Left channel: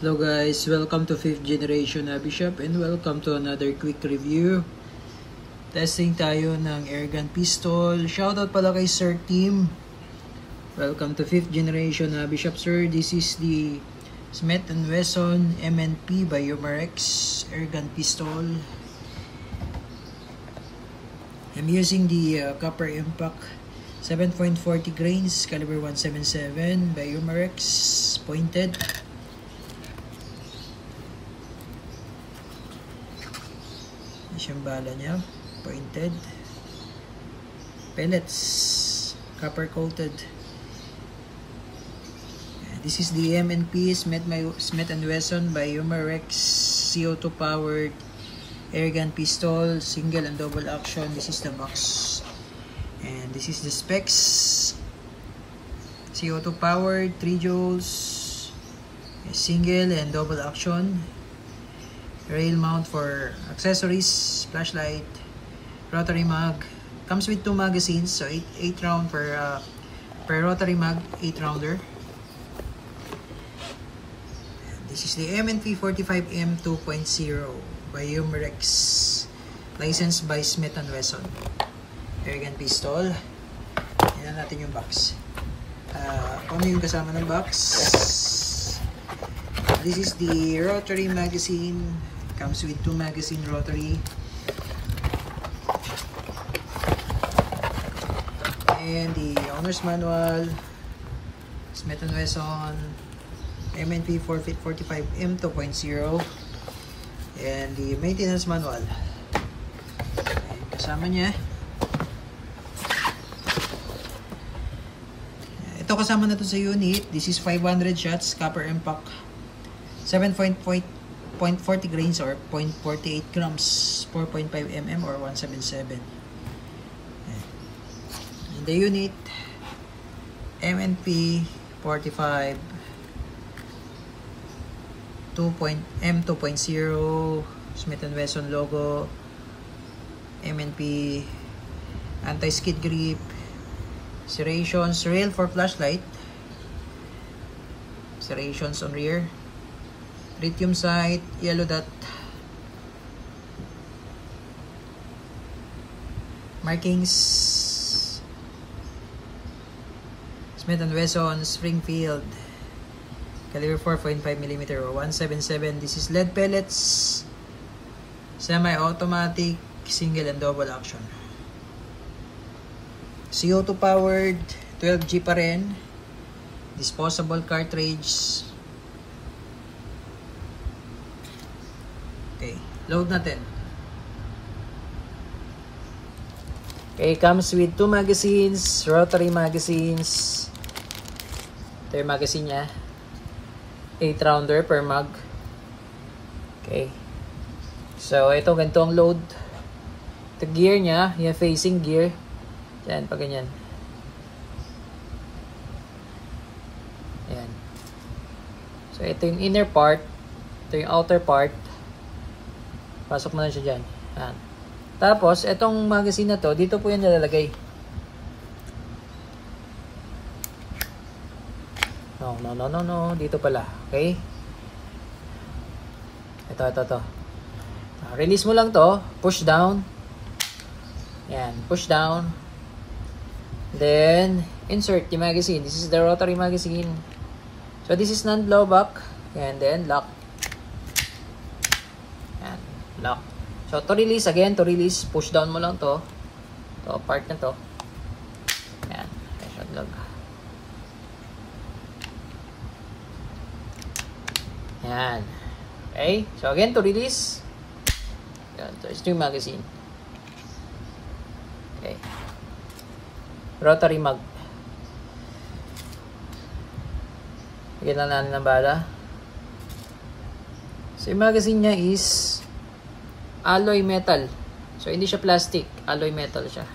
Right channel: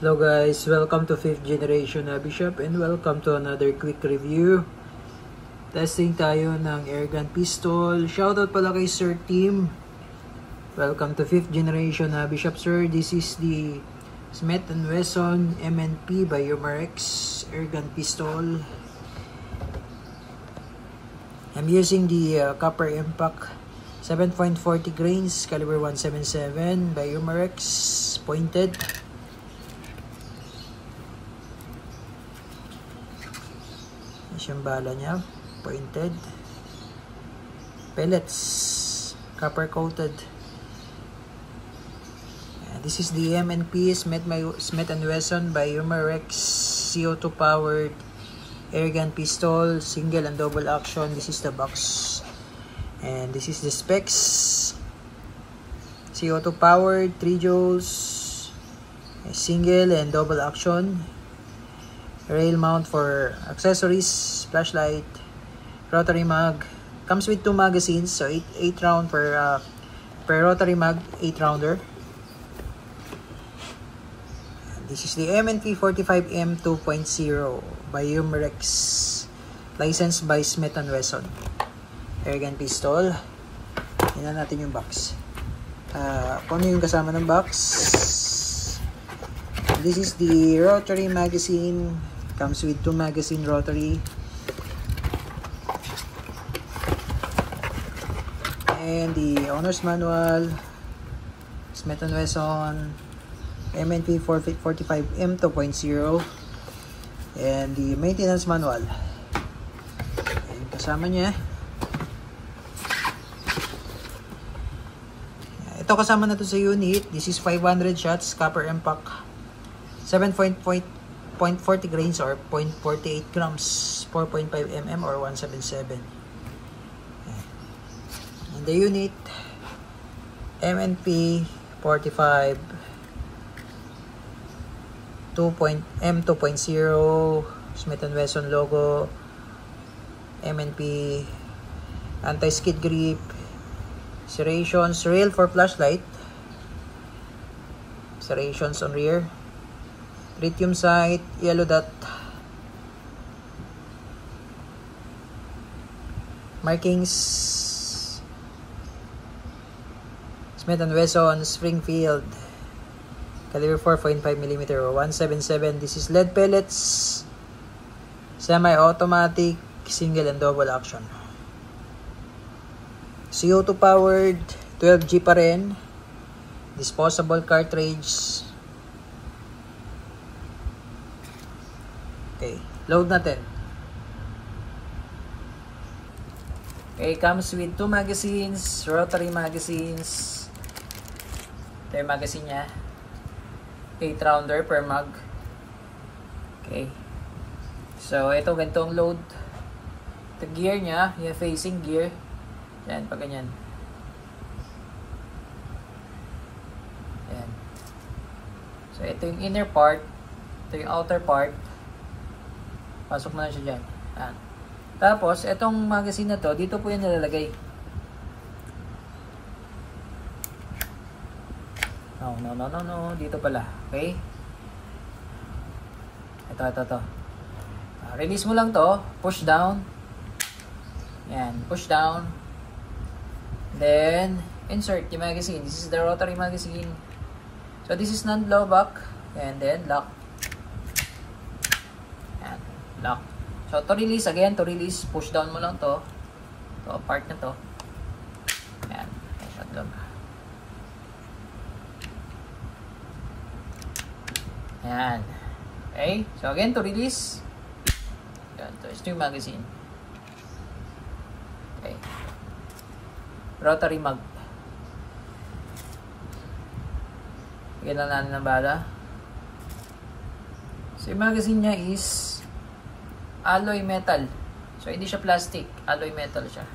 Hello guys, welcome to 5th generation Hobby Shop and welcome to another quick review. Testing tayo ng airgun pistol. Shoutout pala kay Sir Tim. Welcome to 5th generation Hobby Shop, sir. This is the Smith & Wesson M&P by Umarex airgun pistol. I'm using the copper impact 7.40 grains caliber 177 by Umarex pointed. Yung bala niya, pointed. Pellets, copper coated. This is the M&P Smith & Wesson by Umarex CO2 powered airgun pistol, single and double action. This is the box and this is the specs. CO2 powered, 3 joules, single and double action. Rail mount for accessories, flashlight, rotary mag. Comes with 2 magazines, so 8 round per rotary mag, 8 rounder. This is the M&P 45M 2.0 by Umarex, licensed by Smith & Wesson airgun pistol. Tingnan natin yung box. Kung ano yung kasama ng box. This is the rotary magazine. Comes with 2 magazine rotary. And the owner's manual. Smith & Wesson M&P 45M 2.0. And the maintenance manual. And kasama niya. Ito kasama na to sa unit. This is 500 shots copper impact. 7.40 grains or 0.48 grams, 4.5 mm or 177. In the unit, M&P 45 M2.0 Smith & Wesson logo, M&P anti-skid grip, serrations, rail for flashlight, serrations on rear, lithium sight, yellow dot, markings, Smith & Wesson Springfield caliber 4.5mm or 177. This is lead pellets, semi-automatic, single and double action, CO2 powered, 12G pa rin, disposable cartridge. Okay, load natin. Okay, comes with 2 magazines, rotary magazines. Ito yung magazine niya. 8 rounder per mag. Okay. So, ito ganito ang load. Ito gear niya, yung facing gear. Yan, pag ganyan. Yan. So, ito yung inner part. Ito yung outer part. Pasok mo na siya dyan. Yan. Tapos, itong magazine na to, dito po yan nalalagay. No. Dito pala. Okay? Ito. Release mo lang to. Push down. Yan. Push down. Then, insert the magazine. This is the rotary magazine. So, this is non-blowback. And then, lock. Yan. Lock. So, to release, push down mo lang to. To, part na to. Yan. Shotlock. Yan. Okay. So, again, to release. There's 2 magazine. Okay. Rotary mag. Bigyan na natin ng bala. So, yung magazine niya is alloy metal. So, hindi siya plastic. Alloy metal siya.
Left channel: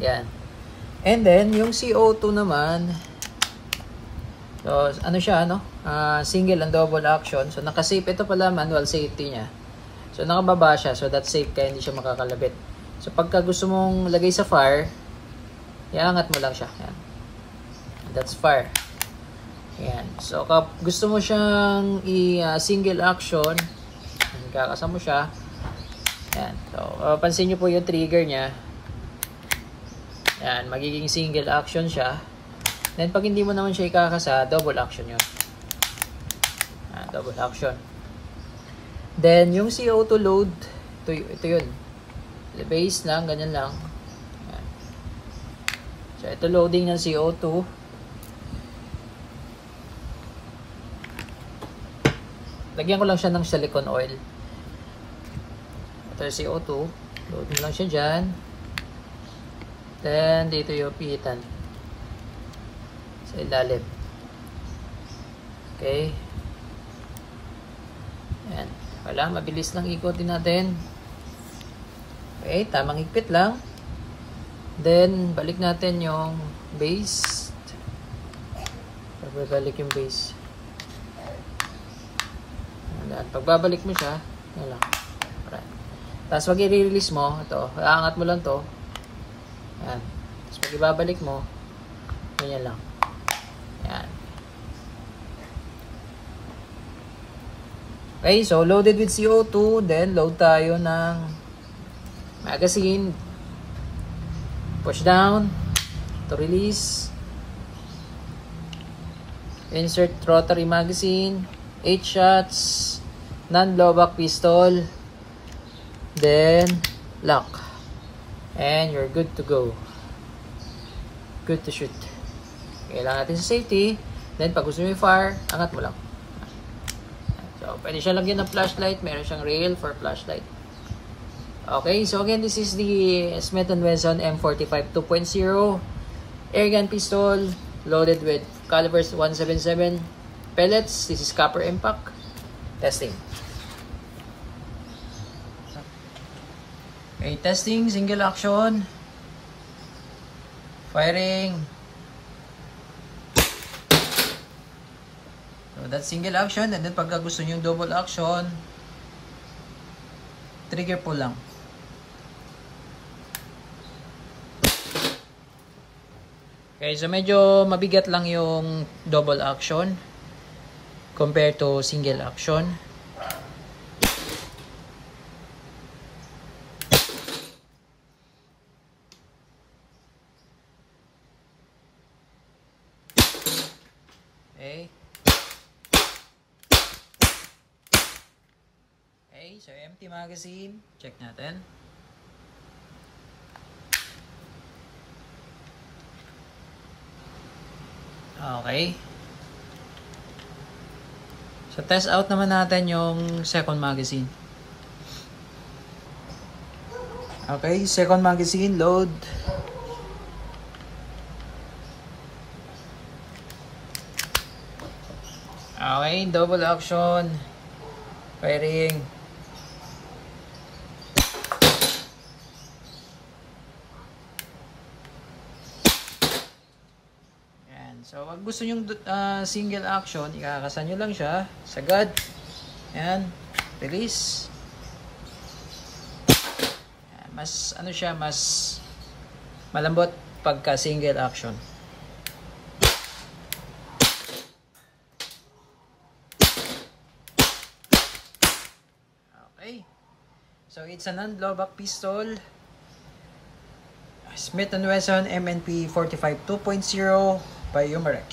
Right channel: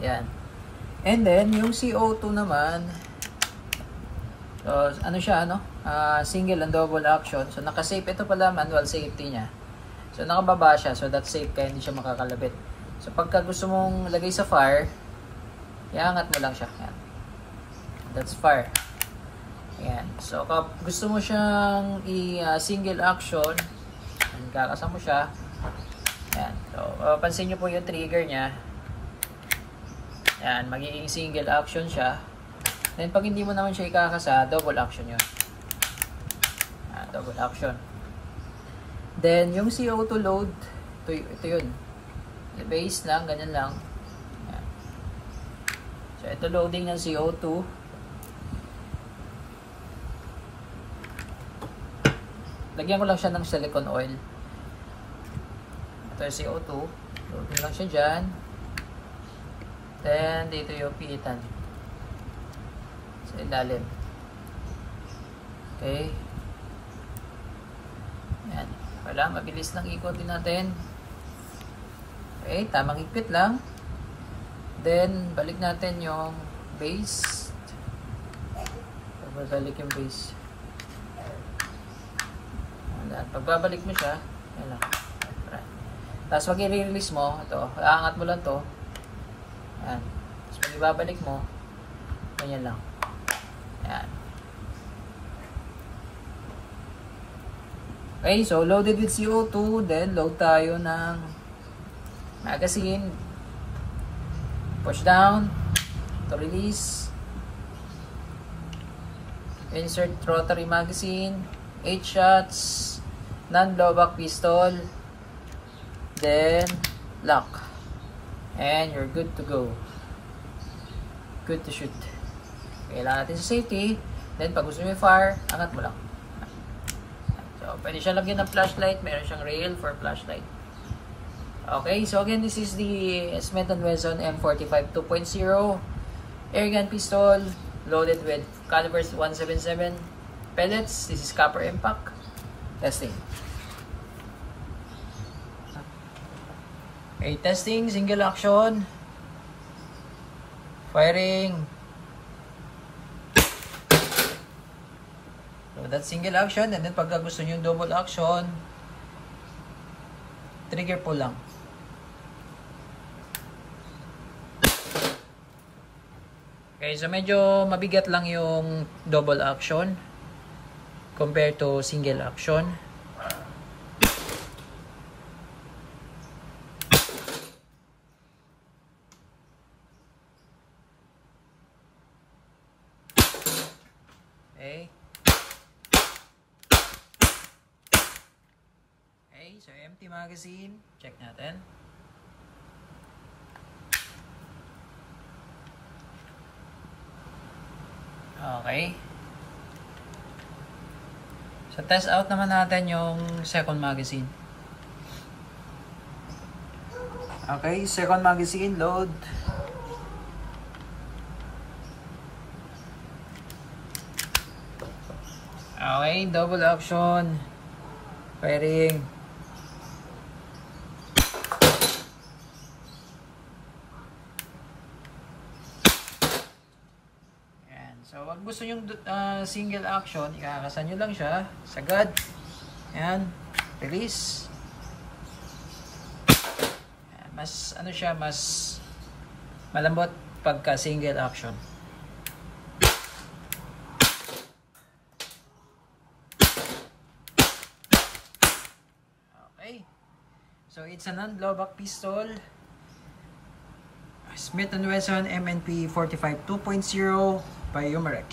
Yan. And then, yung CO2 naman, So, ano siya, ano? Single and double action. So, naka-safe. Ito pala, manual safety niya. So, nakababa siya. So, that's safe kaya hindi siya makakalabit. So, pagka gusto mong lagay sa fire, iangat mo lang siya. Yan. That's fire. Yan. So, gusto mo siyang i-single action, kakasa mo siya. Yan. So, pansin nyo po yung trigger niya. Yan. Magiging single action siya. Then, pag hindi mo naman siya ikakasa, double action yun. Yan, double action. Then, yung CO2 load, ito yun. Base lang, ganyan lang. Yan. So, ito loading ng CO2. Lagyan ko lang siya ng silicone oil. Ito yung CO2. Loading lang siya dyan. Then, dito yung piitan. Sa ilalim. Okay. Ayan. Kailangan mabilis lang ikotin natin. Okay, tamang higpit lang. Then, balik natin yung base. Pagbabalik yung base. Ayan. Pagbabalik mo siya, yan lang. Tapos, pag i-release mo, ito, aangat mo lang to. Ayan. Tapos, pag ibabalik mo, ganyan lang. Ayan. Okay, so loaded with CO2, then load tayo ng magazine. Push down to release. Insert rotary magazine. 8 shots. Non-blowback pistol. Then lock. And you're good to go. Good to shoot. Kailangan natin sa safety. Then pag gusto mo yung fire, angat mo lang. So, pwede siya lagyan ng flashlight. Meron siyang rail for flashlight. Okay, so again, this is the Smith & Wesson M45 2.0 airgun pistol loaded with calibers 177 pellets. This is copper impact. Testing. Okay, testing, single action. Firing. So that's single action, and then pagka gusto nyo yung double action, trigger pull lang. Okay, so medyo mabigat lang yung double action compared to single action. Okay. Okay, so empty magazine. Check natin. Okay. So test out naman natin yung second magazine. Okay, second magazine load. Okay, double action. Firing. So, wag gusto yung single action, ikakasan nyo lang siya. Sagad. Ayan. Release. Ayan. Mas, ano siya, mas malambot pagka single action. Okay. So, it's a non-blowback pistol. Smith & Wesson M&P 45 2.0 by Umarex.